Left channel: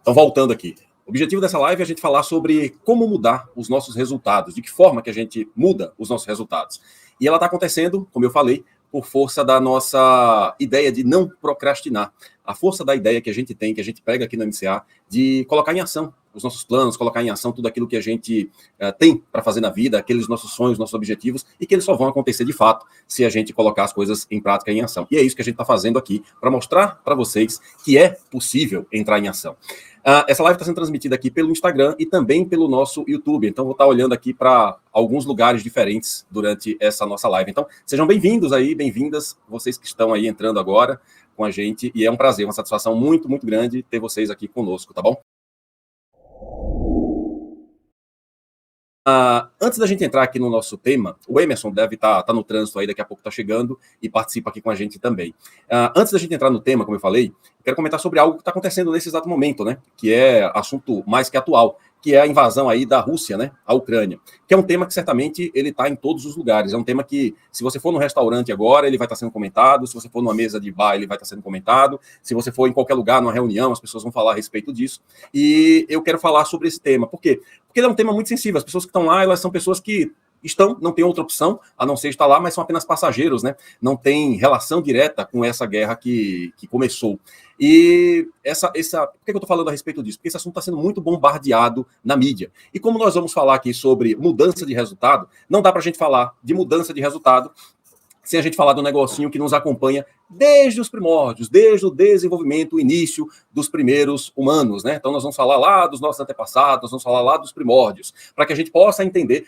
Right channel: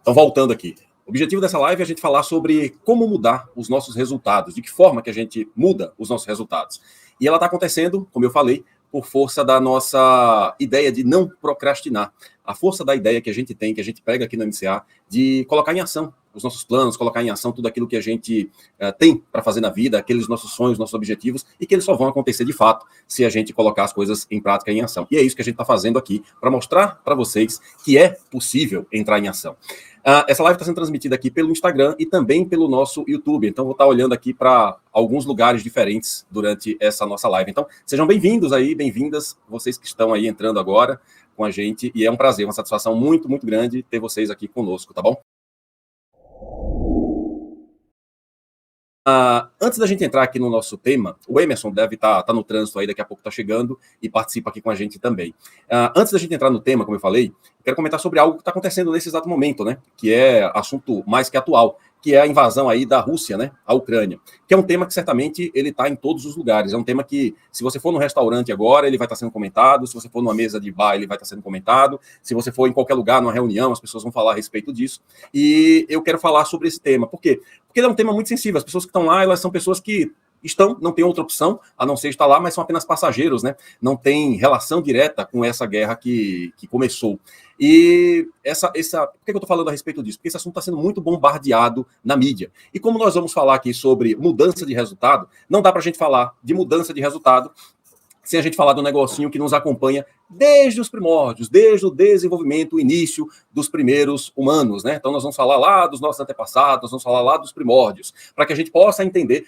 Então, voltando aqui. O objetivo dessa live é a gente falar sobre como mudar os nossos resultados, de que forma que a gente muda os nossos resultados. E ela está acontecendo, como eu falei, por força da nossa ideia de não procrastinar. A força da ideia que a gente tem, que a gente pega aqui no MCA, de colocar em ação os nossos planos, colocar em ação tudo aquilo que a gente tem para fazer na vida, aqueles nossos sonhos, nossos objetivos, e que eles só vão acontecer de fato se a gente colocar as coisas em prática e em ação. E é isso que a gente está fazendo aqui, para mostrar para vocês que é possível entrar em ação. Essa live está sendo transmitida aqui pelo Instagram e também pelo nosso YouTube. Então, vou estar olhando aqui para alguns lugares diferentes durante essa nossa live. Então, sejam bem-vindos aí, bem-vindas, vocês que estão aí entrando agora com a gente. E é um prazer, uma satisfação muito, muito grande ter vocês aqui conosco, tá bom? Antes da gente entrar aqui no nosso tema, o Emerson deve estar no trânsito aí, daqui a pouco está chegando e participa aqui com a gente também. Antes da gente entrar no tema, como eu falei, eu quero comentar sobre algo que está acontecendo nesse exato momento, né? Que é assunto mais que atual, que é a invasão aí da Rússia, né, à Ucrânia, que é um tema que certamente ele está em todos os lugares. É um tema que, se você for no restaurante agora, ele vai estar sendo comentado, se você for numa mesa de bar, ele vai estar sendo comentado, se você for em qualquer lugar, numa reunião, as pessoas vão falar a respeito disso. E eu quero falar sobre esse tema. Por quê? Porque ele é um tema muito sensível. As pessoas que estão lá, elas são pessoas que não tem outra opção a não ser estar lá, mas são apenas passageiros, né? Não tem relação direta com essa guerra que começou. E por que eu estou falando a respeito disso? Porque esse assunto está sendo muito bombardeado na mídia. E como nós vamos falar aqui sobre mudança de resultado, não dá para a gente falar de mudança de resultado sem a gente falar do negocinho que nos acompanha desde os primórdios, desde o desenvolvimento, o início dos primeiros humanos, né? Então nós vamos falar lá dos nossos antepassados, nós vamos falar lá dos primórdios, para que a gente possa entender,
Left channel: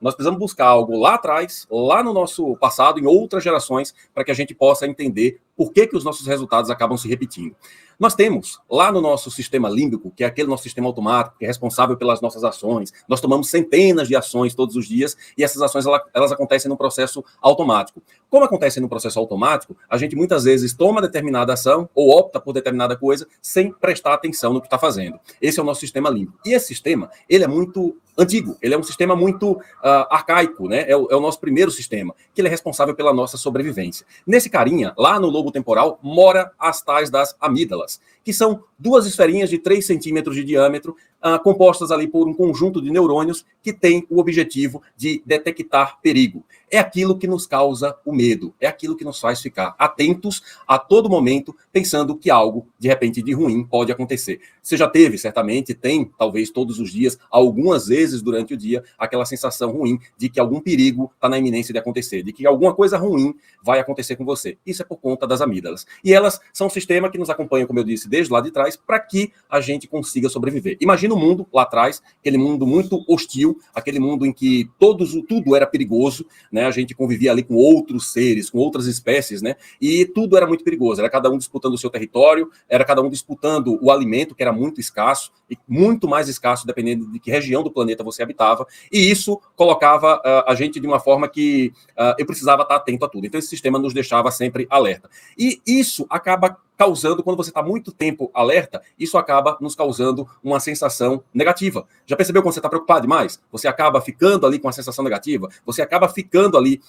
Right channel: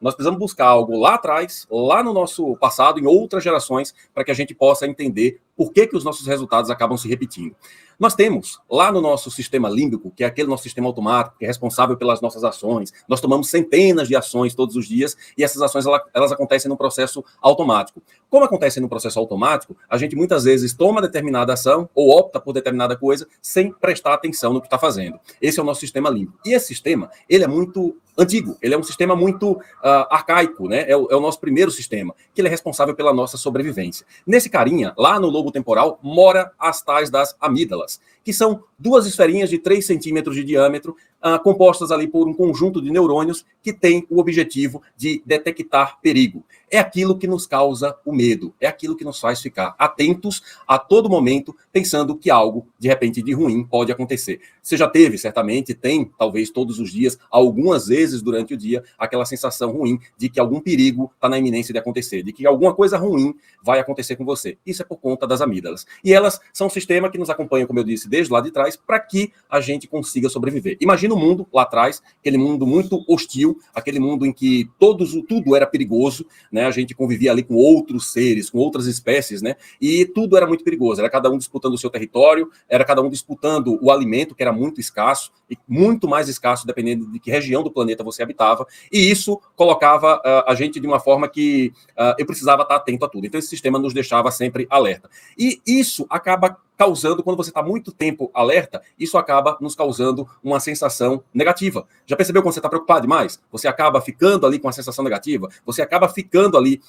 nós precisamos buscar algo lá atrás, lá no nosso passado, em outras gerações, para que a gente possa entender por que os nossos resultados acabam se repetindo. Nós temos lá no nosso sistema límbico, que é aquele nosso sistema automático, que é responsável pelas nossas ações. Nós tomamos centenas de ações todos os dias e essas ações elas acontecem no processo automático. Como acontece no processo automático, a gente muitas vezes toma determinada ação ou opta por determinada coisa sem prestar atenção no que está fazendo. Esse é o nosso sistema límbico. E esse sistema, ele é muito antigo, ele é um sistema muito arcaico, né? É o nosso primeiro sistema, que ele é responsável pela nossa sobrevivência. Nesse carinha, lá no lobo temporal, mora as tais das amígdalas, que são duas esferinhas de 3 centímetros de diâmetro, compostas ali por um conjunto de neurônios que tem o objetivo de detectar perigo. É aquilo que nos causa o medo, é aquilo que nos faz ficar atentos a todo momento, pensando que algo, de repente, de ruim pode acontecer. Você já teve, certamente, tem, talvez todos os dias, algumas vezes durante o dia, aquela sensação ruim de que algum perigo está na iminência de acontecer, de que alguma coisa ruim vai acontecer com você. Isso é por conta das amígdalas. E elas são um sistema que nos acompanha, como eu disse, desde lá de trás, para que a gente consiga sobreviver. Imagina o mundo lá atrás, aquele mundo muito hostil, aquele mundo em que tudo era perigoso, né? A gente convivia ali com outros seres, com outras espécies, né? E tudo era muito perigoso. Era cada um disputando o seu território, era cada um disputando o alimento, que era muito escasso, e muito mais escasso dependendo de que região do planeta você habitava. E isso colocava a gente de uma forma que eu precisava estar atento a tudo. Então, esse sistema nos deixava sempre alerta. E isso acaba causando, quando você está muito tempo alerta, isso acaba nos causando uma sensação negativa. Já percebeu quando você está preocupado demais? Você acaba ficando ali com uma sensação negativa, você acaba ficando ali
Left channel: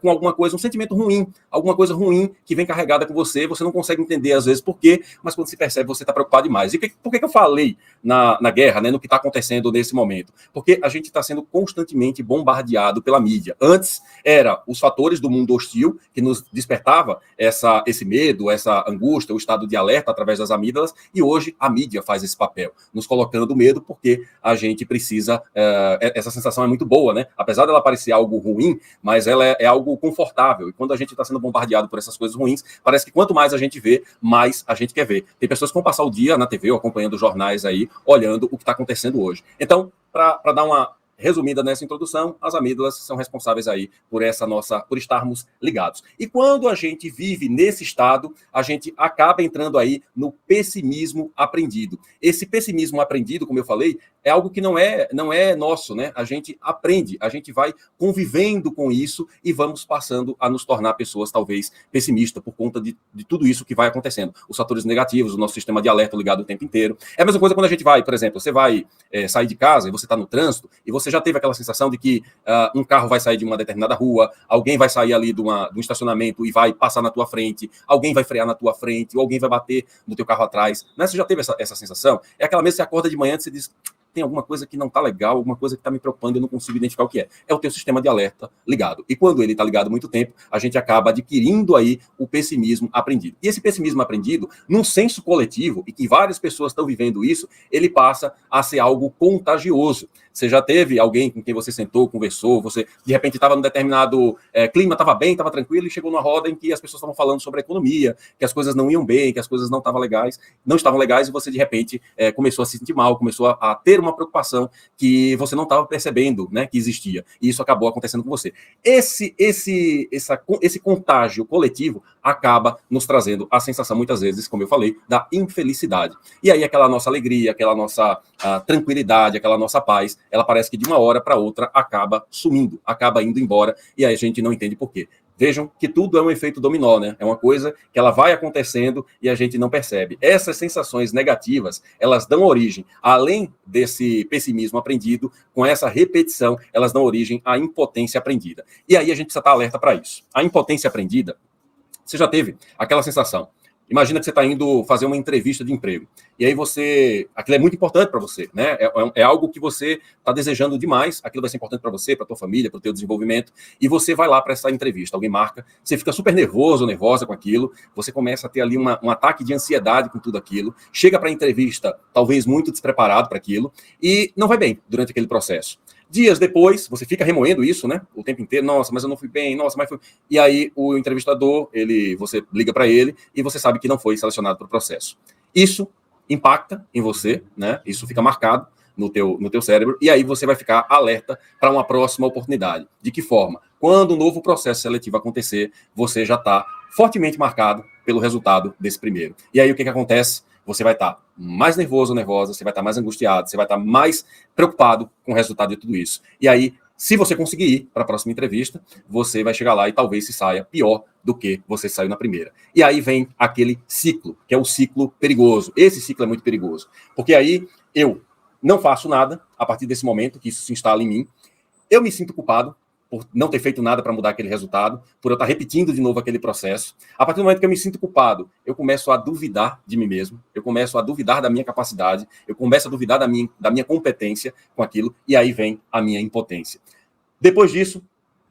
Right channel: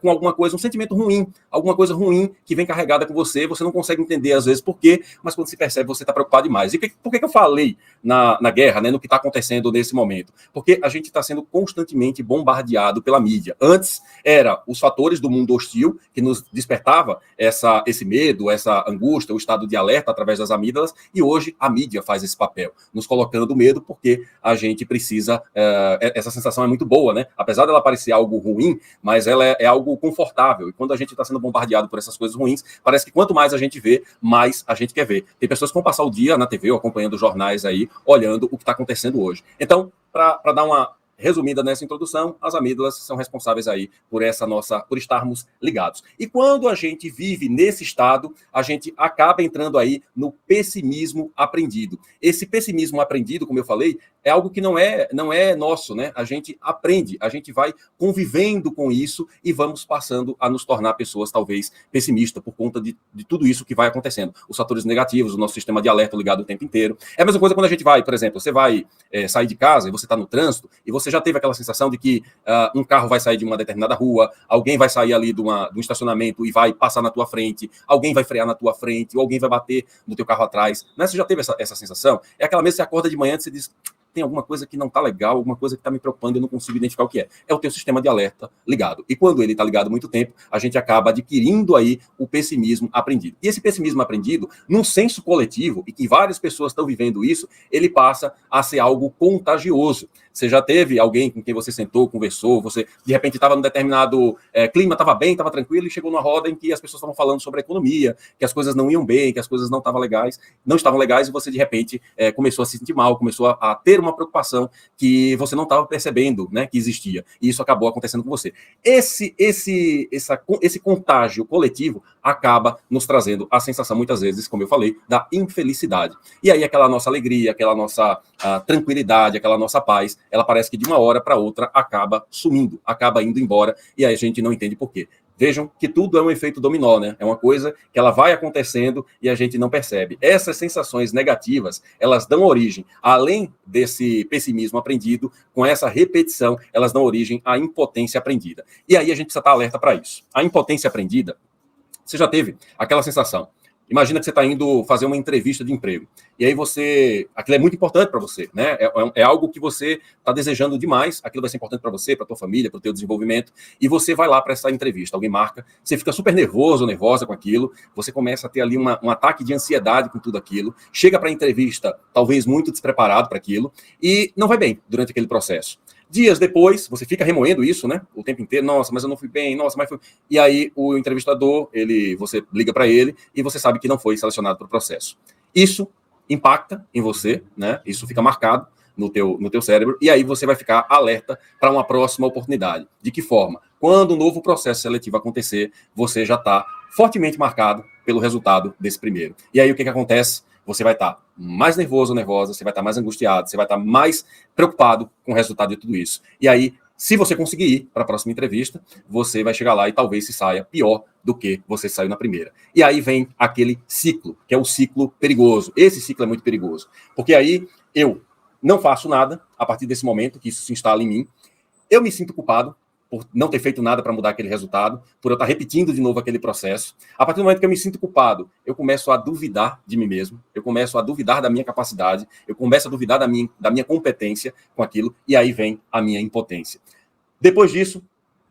com alguma coisa, um sentimento ruim, alguma coisa ruim que vem carregada com você não consegue entender às vezes por quê, mas quando se percebe você está preocupado demais. E por que eu falei na guerra, né, no que está acontecendo nesse momento? Porque a gente está sendo constantemente bombardeado pela mídia. Antes era os fatores do mundo hostil que nos despertava esse medo, essa angústia, o estado de alerta através das amígdalas, e hoje a mídia faz esse papel, nos colocando medo porque a gente precisa, essa sensação é muito boa, né? Apesar dela parecer algo ruim, mas ela é algo confortável, e quando a gente está sendo bombardeado por essas coisas ruins, parece que quanto mais a gente vê, mais a gente quer ver. Tem pessoas que vão passar o dia na TV ou acompanhando jornais aí, olhando o que está acontecendo hoje. Então, para dar uma resumida nessa introdução, as amígdalas são responsáveis aí por estarmos ligados. E quando a gente vive nesse estado, a gente acaba entrando aí no pessimismo aprendido. Esse pessimismo aprendido, como eu falei, é algo que não é nosso, né? A gente aprende, a gente vai convivendo com isso e vamos passando a nos tornar pessoas talvez pessimistas por conta de tudo isso que vai acontecendo. Os fatores negativos, o nosso sistema de alerta ligado o tempo inteiro. É a mesma coisa quando a gente vai, por exemplo, você vai sair de casa e você está no trânsito e você já teve aquela sensação de que um carro vai sair de uma determinada rua, alguém vai sair ali de um estacionamento e vai passar na tua frente, alguém vai frear na tua frente, ou alguém vai bater no teu carro atrás. Né? Você já teve essa sensação? É aquela mesma que você acorda de manhã e você diz, tem alguma coisa que não está legal, alguma coisa que está me preocupando e eu não consigo identificar o que é. É o teu sistema de alerta ligado. E quando ele está ligado muito tempo, a gente acaba adquirindo aí o pessimismo aprendido. E esse pessimismo aprendido, num senso coletivo, e que várias pessoas estão vivendo isso, ele passa a ser algo contagioso. Você já teve alguém com quem você sentou, conversou, você de repente estava num determinado clima, estava bem, estava tranquilo, e chegou numa roda em que as pessoas estavam falando sobre a economia, que as coisas não iam bem, que as coisas não estavam legais, e você de repente começou a se sentir mal, começou a ter uma preocupação que você não estava percebendo, né, que existia. E isso acabou acontecendo com você. Esse contágio coletivo acaba nos trazendo a sensação, muitas vezes, como eu falei, da infelicidade. E aí aquela nossa alegria, aquela nossa tranquilidade, aquela nossa paz, ela parece que de uma hora para outra acaba sumindo, acaba indo embora, e aí a gente não entende por quê. Vejam que tudo é um efeito dominó, né? É uma coisa que ela vai acontecendo e a gente não percebe. Essas sensações negativas, elas dão origem, além desse pessimismo aprendido, com essa repetição, elas dão origem à impotência aprendida. E aí a gente precisa estar alerta para isso. A impotência aprendida, você já teve aquela sensação. Imagina que você está indo fazer uma entrevista de emprego. E aí aquilo é muito importante para você, né? É algo que você está desejando demais, aquilo vai ser importante para você, para tua família, para o teu desenvolvimento, e você vai lá para essa entrevista, alguém marca, você fica super nervoso, nervosa com aquilo, você começa a ter ali um ataque de ansiedade com tudo aquilo, chega para a entrevista talvez muito despreparado para aquilo, e não vai bem durante aquele processo. Dias depois, você fica remoendo isso, né? O tempo inteiro, nossa, mas eu não fui bem, nossa, mas foi... E aí o entrevistador, você liga para ele e você sabe que não foi selecionado para o processo. Isso impacta em você, né? Isso fica marcado no teu cérebro, e aí você vai ficar alerta para uma próxima oportunidade. De que forma? Quando o novo processo seletivo acontecer, você já está fortemente marcado pelo resultado desse primeiro. E aí o que acontece? Você vai estar mais nervoso, nervosa, você vai estar mais angustiado, você vai estar mais preocupado com o resultado de tudo isso. E aí, se você conseguir ir para a próxima entrevista, você vai chegar lá e talvez se saia pior do que você saiu na primeira. E aí vem aquele ciclo, que é o ciclo perigoso. Esse ciclo é muito perigoso, porque aí eu não faço nada a partir desse momento que isso se instala em mim, eu me sinto culpado por não ter feito nada para mudar aquele resultado, por eu estar repetindo de novo aquele processo. A partir do momento que eu me sinto culpado, eu começo a duvidar de mim mesmo, eu começo a duvidar da minha capacidade, eu começo a duvidar da minha competência com aquilo, e aí vem a minha impotência. Depois disso,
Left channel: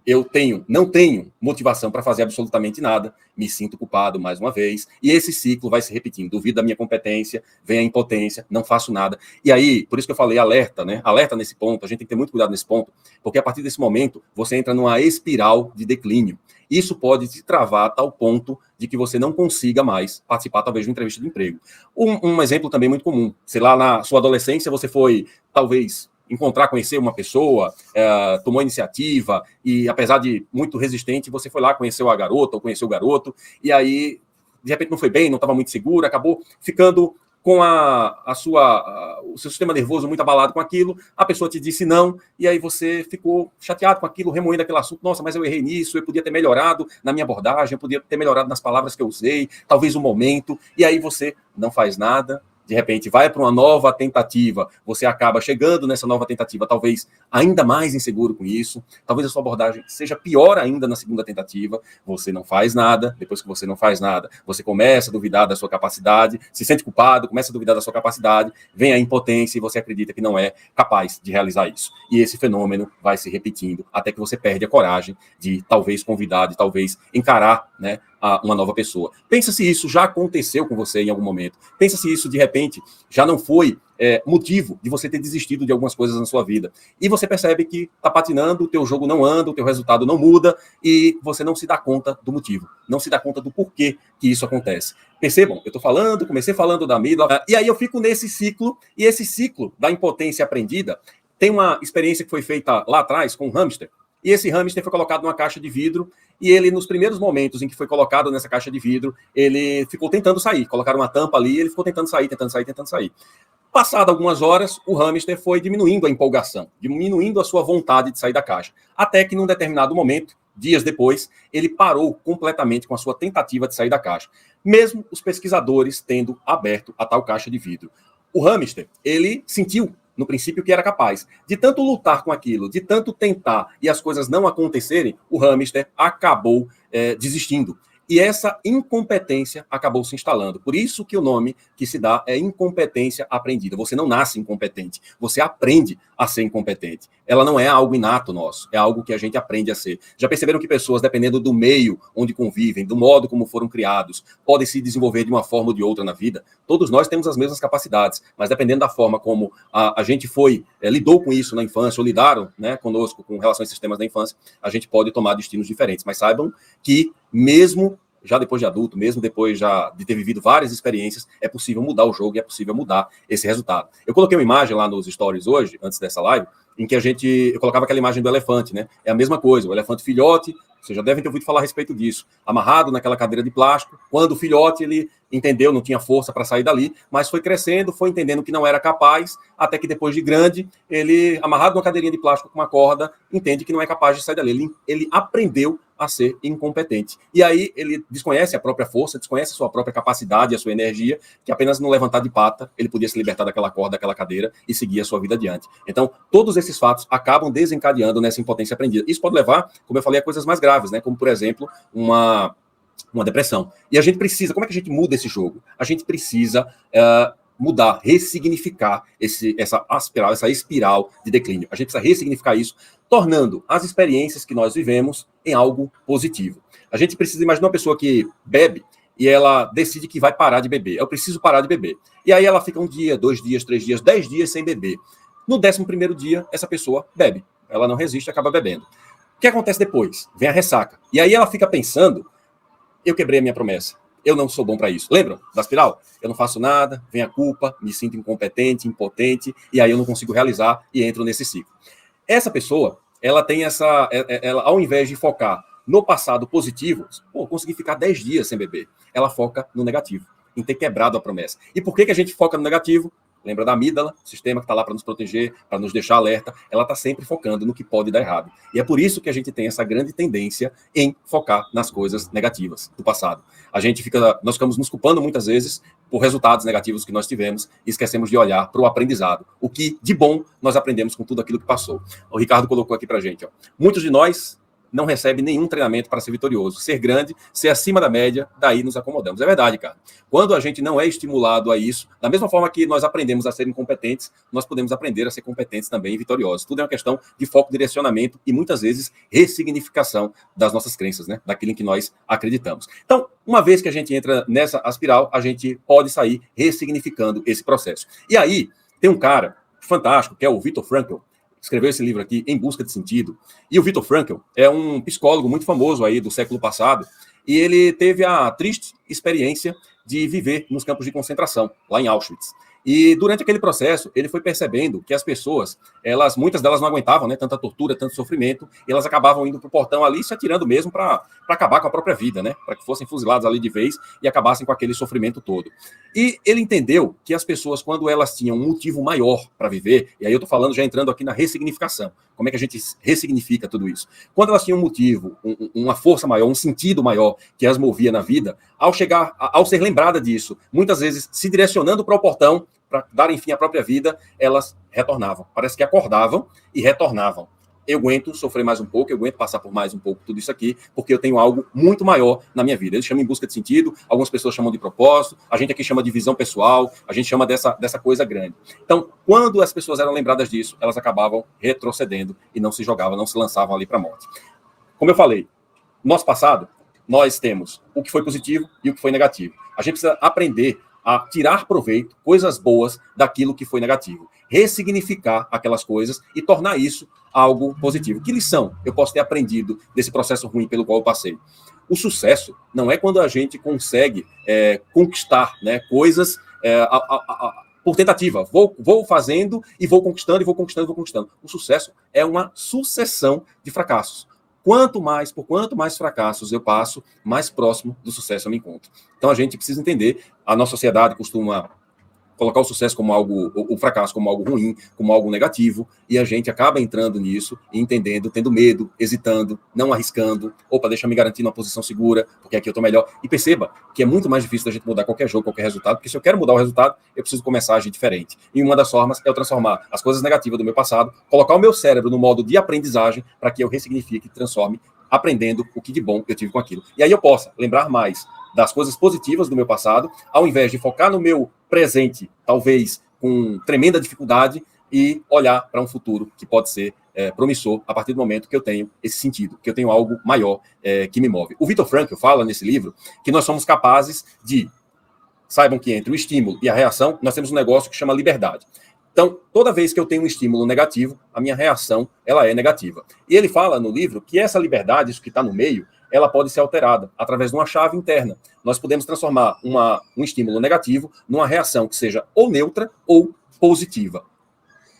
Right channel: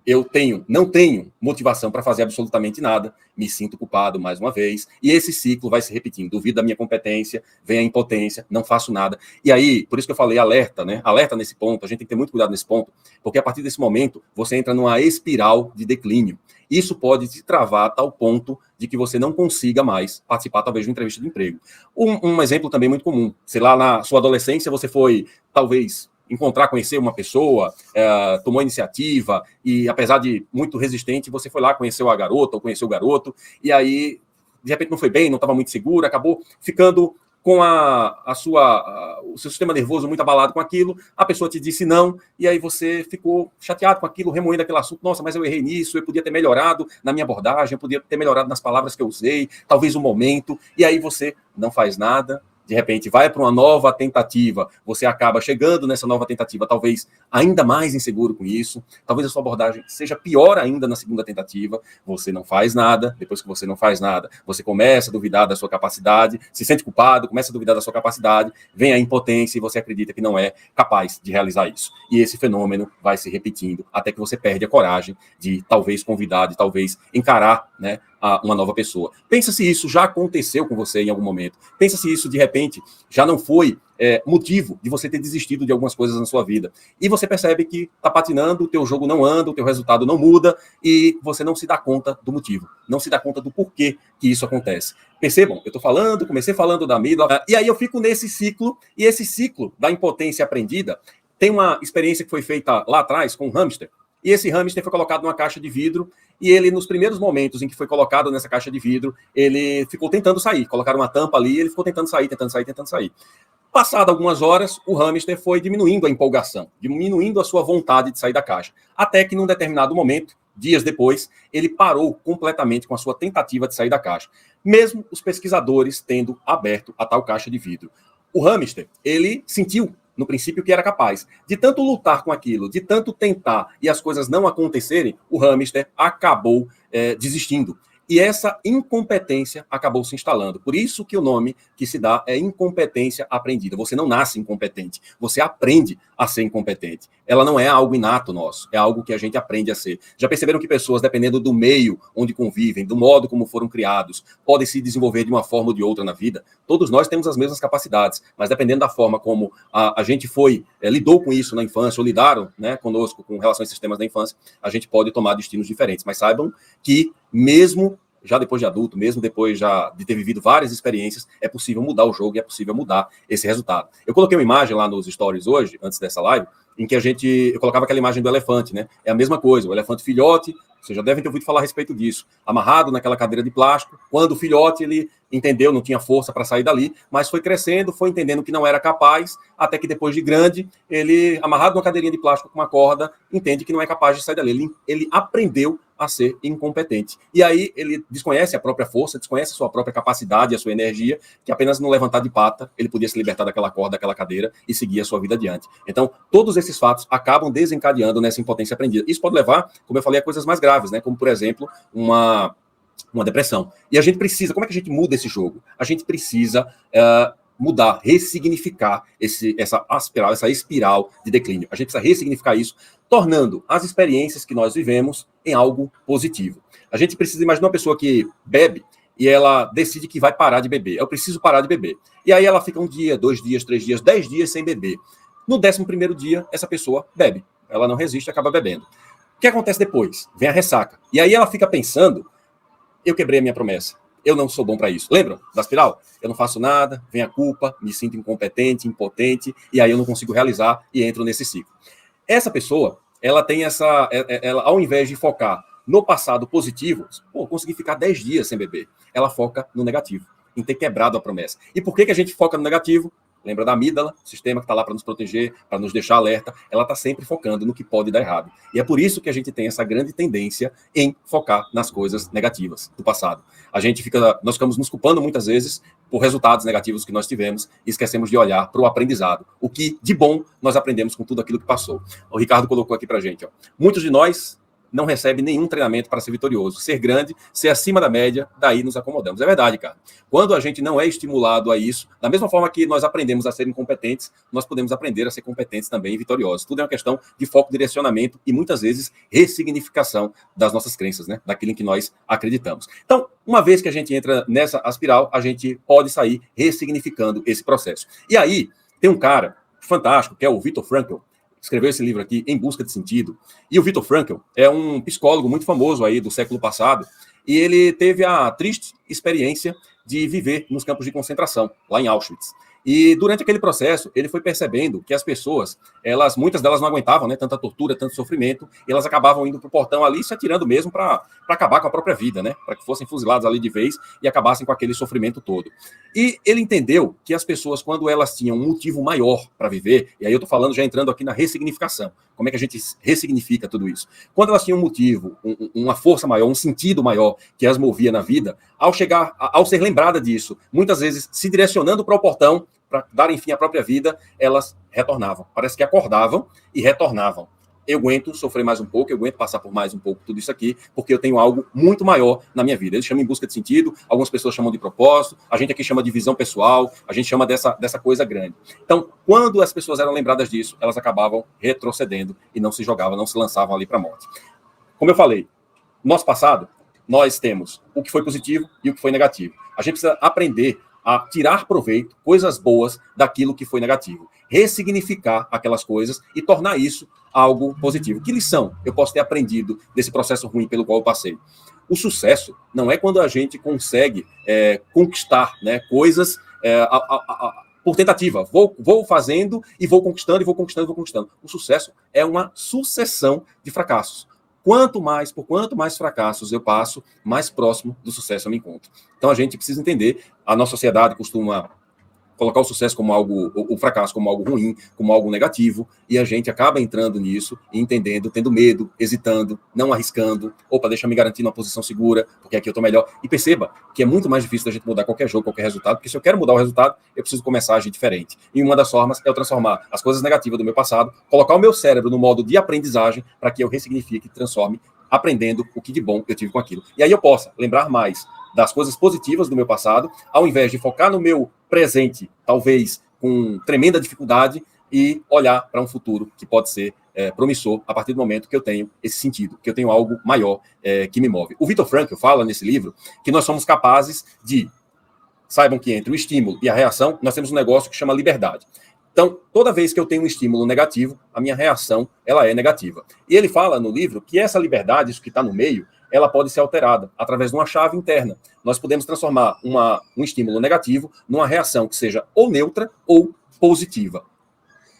eu não tenho motivação para fazer absolutamente nada, me sinto culpado mais uma vez, e esse ciclo vai se repetindo. Duvido da minha competência, vem a impotência, não faço nada. E aí, por isso que eu falei alerta, né? Alerta nesse ponto, a gente tem que ter muito cuidado nesse ponto, porque a partir desse momento, você entra numa espiral de declínio. Isso pode te travar a tal ponto de que você não consiga mais participar, talvez, de uma entrevista de emprego. Um exemplo também muito comum, sei lá, na sua adolescência, você foi, talvez, conhecer uma pessoa, tomou iniciativa e, apesar de muito resistente, você foi lá, conheceu a garota ou conheceu o garoto, e aí, de repente, não foi bem, não estava muito seguro, acabou ficando com o seu sistema nervoso muito abalado com aquilo, a pessoa te disse não, e aí você ficou chateado com aquilo, remoendo aquele assunto, nossa, mas eu errei nisso, eu podia ter melhorado na minha abordagem, eu podia ter melhorado nas palavras que eu usei, talvez o momento, e aí você não faz nada, de repente vai para uma nova tentativa, você acaba chegando nessa nova tentativa, talvez ainda mais inseguro com isso, talvez a sua abordagem seja pior ainda na segunda tentativa, você não faz nada, depois que você não faz nada, você começa a duvidar da sua capacidade, se sente culpado, começa a duvidar da sua capacidade, vem a impotência e você acredita que não é capaz de realizar isso. E esse fenômeno vai se repetindo até que você perde a coragem de talvez convidar, de talvez encarar, né, uma nova pessoa. Pensa se isso já aconteceu com você em algum momento. Pensa se isso, de repente, já não foi motivo de você ter desistido de algumas coisas na sua vida. E você percebe que está patinando, o teu jogo não anda, o teu resultado não muda e você não se dá conta do motivo. Não se dá conta do porquê que isso acontece. Percebam, eu comecei falando da amígdala, e aí eu fico nesse ciclo, e esse ciclo da impotência aprendida tem uma experiência que foi feita lá atrás com um hamster. E esse hamster foi colocado numa caixa de vidro e ele, nos primeiros momentos em que foi colocado nessa caixa de vidro, ele ficou tentando sair. Colocaram uma tampa ali e ele ficou tentando sair, tentando sair, tentando sair. Passado algumas horas, o hamster foi diminuindo a empolgação, diminuindo a sua vontade de sair da caixa. Até que, num determinado momento, dias depois, ele parou completamente com a sua tentativa de sair da caixa. Mesmo os pesquisadores tendo aberto a tal caixa de vidro. O hamster, ele sentiu, no princípio, que era capaz. De tanto lutar com aquilo, de tanto tentar e as coisas não acontecerem, o hamster acabou desistindo. E essa incompetência acabou se instalando. Por isso que o nome que se dá é incompetência aprendida. Você não nasce incompetente, você aprende a ser incompetente. Ela não é algo inato nosso, é algo que a gente aprende a ser. Já perceberam que pessoas, dependendo do meio onde convivem, do modo como foram criados, podem se desenvolver de uma forma ou de outra na vida? Todos nós temos as mesmas capacidades, mas dependendo da forma como a gente lidou com isso na infância, ou lidaram, né, conosco com relação a esses temas da infância, a gente pode tomar destinos diferentes. Mas saibam que mesmo já depois de adulto, mesmo depois já de ter vivido várias experiências, é possível mudar o jogo e é possível mudar esse resultado. Eu coloquei uma imagem lá nos stories hoje, antes dessa live, em que eu colocava aquela imagem do elefante, né? É a mesma coisa, o elefante filhote, vocês já devem ter ouvido falar a respeito disso, amarrado naquela cadeira de plástico, quando o filhote, ele entendeu, não tinha força para sair dali, mas foi crescendo, foi entendendo que não era capaz, até que depois de grande, ele, amarrado numa cadeirinha de plástico com uma corda, entende que não é capaz de sair dali. Ele aprendeu a ser incompetente. E aí ele desconhece a própria força, desconhece a sua própria capacidade, a sua energia, que apenas no levantar de pata, ele podia se libertar daquela corda, daquela cadeira e seguir a sua vida adiante. Então, todos esses fatos acabam desencadeando nessa impotência aprendida. Isso pode levar, como eu falei, a coisas mais graves, né? Como, por exemplo, uma depressão. E a gente precisa, como é que a gente muda esse jogo? A gente precisa mudar, ressignificar essa espiral de declínio. A gente precisa ressignificar isso, tornando as experiências que nós vivemos em algo positivo. A gente precisa imaginar uma pessoa que bebe e ela decide que vai parar de beber. Eu preciso parar de beber. E aí ela fica 1 dia, 2 dias, 3 dias, 10 dias sem beber. No 11º dia, essa pessoa bebe. Ela não resiste e acaba bebendo. O que acontece depois? Vem a ressaca. E aí ela fica pensando, eu quebrei a minha promessa. Eu não sou bom para isso. Lembram da espiral? Eu não faço nada, vem a culpa, me sinto incompetente, impotente, e aí eu não consigo realizar e entro nesse ciclo. Essa pessoa, ela tem ela, ao invés de focar no passado positivo, consegui ficar 10 dias sem beber, ela foca no negativo, em ter quebrado a promessa. E por que a gente foca no negativo? Lembra da amígdala, sistema que está lá para nos proteger, para nos deixar alerta, ela está sempre focando no que pode dar errado. E é por isso que a gente tem essa grande tendência em focar nas coisas negativas do passado. Nós ficamos nos culpando muitas vezes por resultados negativos que nós tivemos e esquecemos de olhar para o aprendizado. O que de bom nós aprendemos com tudo aquilo que passou. O Ricardo colocou aqui para a gente. Muitos de nós não recebe nenhum treinamento para ser vitorioso. Ser grande, ser acima da média, daí nos acomodamos. É verdade, cara. Quando a gente não é estimulado a isso, da mesma forma que nós aprendemos a ser incompetentes, nós podemos aprender a ser competentes também e vitoriosos. Tudo é uma questão de foco, direcionamento e, muitas vezes, ressignificação das nossas crenças, né? Daquilo em que nós acreditamos. Então, uma vez que a gente entra nessa espiral, a gente pode sair ressignificando esse processo. E aí, tem um cara fantástico, que é o Viktor Frankl, escreveu esse livro aqui, Em Busca de Sentido. E o Viktor Frankl é um psicólogo muito famoso aí do século passado, e ele teve a triste experiência de viver nos campos de concentração, lá em Auschwitz. E durante aquele processo, ele foi percebendo que as pessoas, muitas delas não aguentavam, né, tanta tortura, tanto sofrimento, e elas acabavam indo para o portão ali, se atirando mesmo para acabar com a própria vida, né, para que fossem fuzilados ali de vez e acabassem com aquele sofrimento todo. E ele entendeu que as pessoas, quando elas tinham um motivo maior para viver, e aí eu estou falando, já entrando aqui na ressignificação, como é que a gente ressignifica tudo isso? Quando elas tinham um motivo, uma força maior, um sentido maior que as movia na vida, ao ser lembrada disso, muitas vezes se direcionando para o portão, para darem fim à própria vida, elas retornavam. Parece que acordavam e retornavam. Eu aguento sofrer mais um pouco, eu aguento passar por mais um pouco tudo isso aqui, porque eu tenho algo muito maior na minha vida. Eles chamam em busca de sentido, algumas pessoas chamam de propósito, a gente aqui chama de visão pessoal, a gente chama dessa coisa grande. Então, quando as pessoas eram lembradas disso, elas acabavam retrocedendo e não se jogavam, não se lançavam ali para a morte. Como eu falei, nosso passado, nós temos o que foi positivo e o que foi negativo. A gente precisa aprender a tirar proveito, coisas boas, daquilo que foi negativo. Ressignificar aquelas coisas e tornar isso algo positivo. Que lição eu posso ter aprendido desse processo ruim pelo qual eu passei? O sucesso não é quando a gente consegue conquistar, né, coisas por tentativa. Vou fazendo e vou conquistando, e vou conquistando, e vou conquistando. O sucesso é uma sucessão de fracassos. Por quanto mais fracassos eu passo, mais próximo do sucesso eu me encontro. Então a gente precisa entender, a nossa sociedade costuma colocar o sucesso como algo, o fracasso como algo ruim, como algo negativo, e a gente acaba entrando nisso e entendendo, tendo medo, hesitando, não arriscando. Opa, deixa eu me garantir numa posição segura, porque aqui eu tô melhor. E perceba que é muito mais difícil da gente mudar qualquer jogo, qualquer resultado, porque se eu quero mudar o resultado, eu preciso começar a agir diferente. E uma das formas é eu transformar as coisas negativas do meu passado, colocar o meu cérebro no modo de aprendizagem para que eu ressignifique e transforme, aprendendo o que de bom eu tive com aquilo. E aí eu possa lembrar mais das coisas positivas do meu passado, ao invés de focar no meu presente, talvez com tremenda dificuldade, e olhar para um futuro que pode ser promissor a partir do momento que eu tenho esse sentido, que eu tenho algo maior que me move. O Viktor Frankl fala nesse livro que nós somos capazes de, saibam que entre o estímulo e a reação, nós temos um negócio que chama liberdade. Então, toda vez que eu tenho um estímulo negativo, a minha reação ela é negativa. E ele fala no livro que essa liberdade, isso que está no meio, ela pode ser alterada através de uma chave interna. Nós podemos transformar um estímulo negativo numa reação que seja ou neutra ou positiva.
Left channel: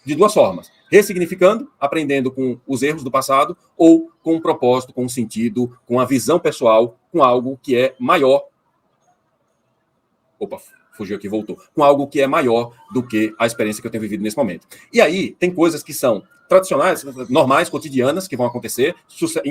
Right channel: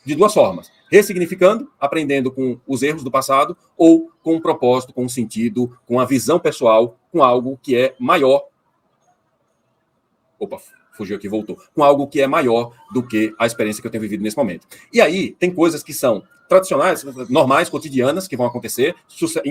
De duas formas. Ressignificando, aprendendo com os erros do passado, ou com um propósito, com um sentido, com a visão pessoal, com algo que é maior. Opa, fugiu aqui, voltou. Com algo que é maior do que a experiência que eu tenho vivido nesse momento. E aí, tem coisas que são tradicionais, normais, cotidianas, que vão acontecer,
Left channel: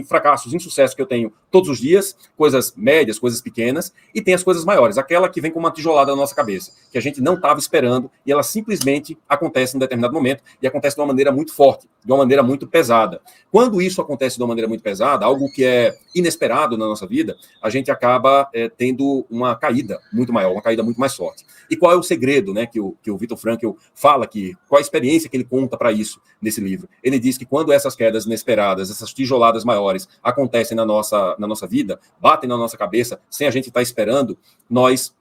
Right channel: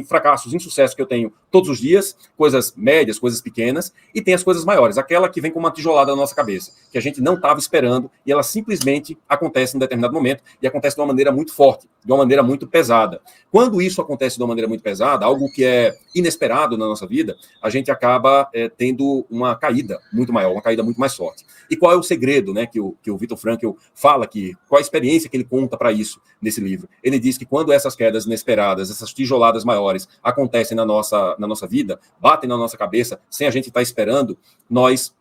fracassos, insucessos que eu tenho todos os dias, coisas médias, coisas pequenas, e tem as coisas maiores, aquela que vem com uma tijolada na nossa cabeça, que a gente não estava esperando, e ela simplesmente acontece em um determinado momento, e acontece de uma maneira muito forte, de uma maneira muito pesada. Quando isso acontece de uma maneira muito pesada, algo que é inesperado na nossa vida, a gente acaba tendo uma caída muito maior, uma caída muito mais forte. E qual é o segredo, né, que o Viktor Frankl fala aqui, qual a experiência que ele conta para isso nesse livro? Ele diz que quando essas quedas inesperadas, essas tijoladas maiores acontecem na nossa vida, batem na nossa cabeça, sem a gente estar esperando, nós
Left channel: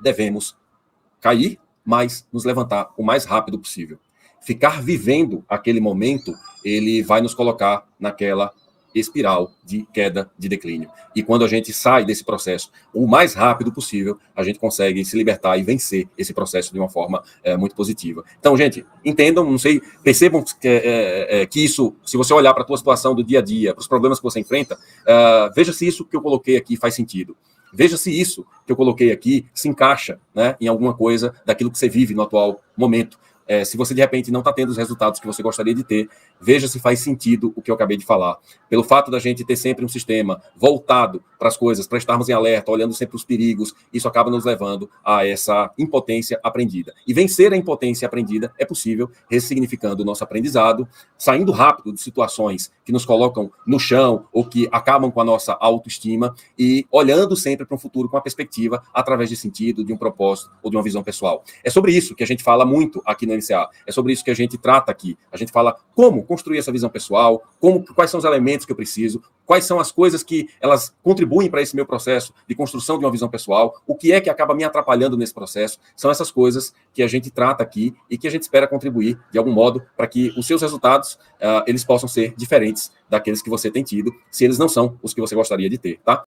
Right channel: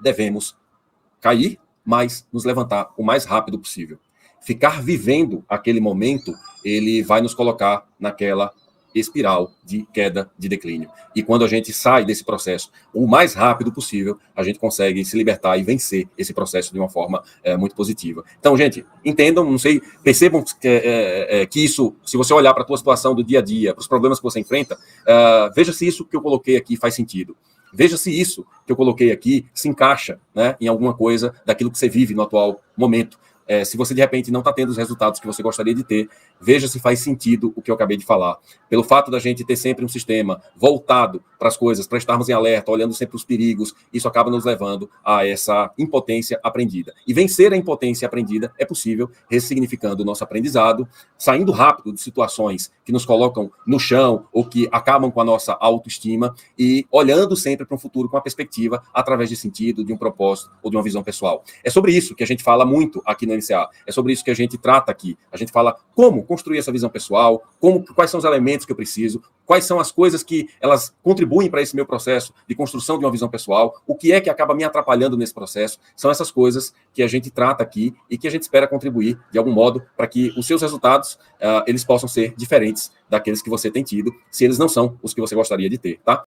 devemos cair, mas nos levantar o mais rápido possível. Ficar vivendo aquele momento, ele vai nos colocar naquela espiral de queda, de declínio. E quando a gente sai desse processo o mais rápido possível, a gente consegue se libertar e vencer esse processo de uma forma muito positiva. Então, gente, entendam, não sei, percebam que isso, se você olhar para a tua situação do dia a dia, para os problemas que você enfrenta, veja se isso que eu coloquei aqui faz sentido. Veja se isso que eu coloquei aqui se encaixa, né, em alguma coisa daquilo que você vive no atual momento. Se você, de repente, não está tendo os resultados que você gostaria de ter, veja se faz sentido o que eu acabei de falar. Pelo fato da gente ter sempre um sistema voltado para as coisas, para estarmos em alerta, olhando sempre os perigos, isso acaba nos levando a essa impotência aprendida. E vencer a impotência aprendida é possível ressignificando o nosso aprendizado, saindo rápido de situações que nos colocam no chão ou que acabam com a nossa autoestima e olhando sempre para um futuro com uma perspectiva através de sentido, de um propósito ou de uma visão pessoal. É sobre isso que a gente fala muito aqui no INSEAD. É sobre isso que a gente trata aqui. A gente fala como construir essa visão pessoal, quais são os elementos que eu preciso, quais são as coisas que elas contribuem para esse meu processo de construção de uma visão pessoal, o que é que acaba me atrapalhando nesse processo. São essas coisas que a gente trata aqui e que a gente espera contribuir de algum modo para que os seus resultados eles possam ser diferentes daqueles que você tem tido, se eles não são os que você gostaria de ter, tá?